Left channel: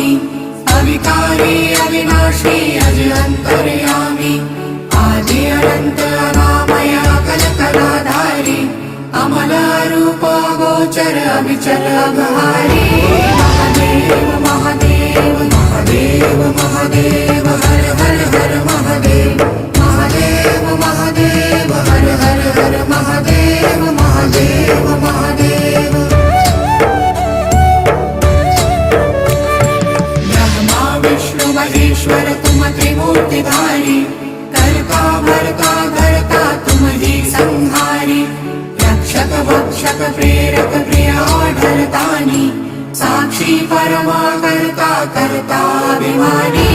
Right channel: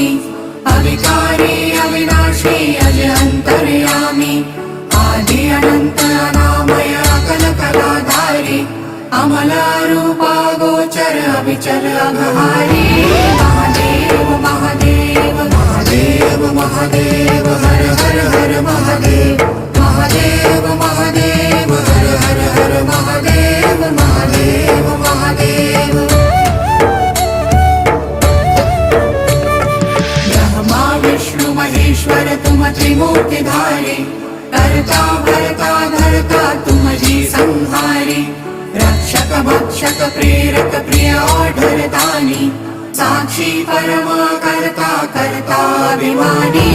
स्वामी अविकारी अविनाशी अज अंतर्यामी आदि अनंत अनामय अकल कलाधारी अमल रूप गोचर अविचल अघहारी महादेव महादेव महादेव महादेव हर हर हर महादेव महादेव महादेव हर हर हर महादेव महादेव महादेव ब्रह्मा विष्णु महेश्वर तुम त्रिमूर्तिधारी कर्ता भर्ता धर्ता तुम जी संहारी रक्षक भक्षक प्रेरक प्रिय आढरतानी साक्षी परमा कर्ता कर्ता अभिमानी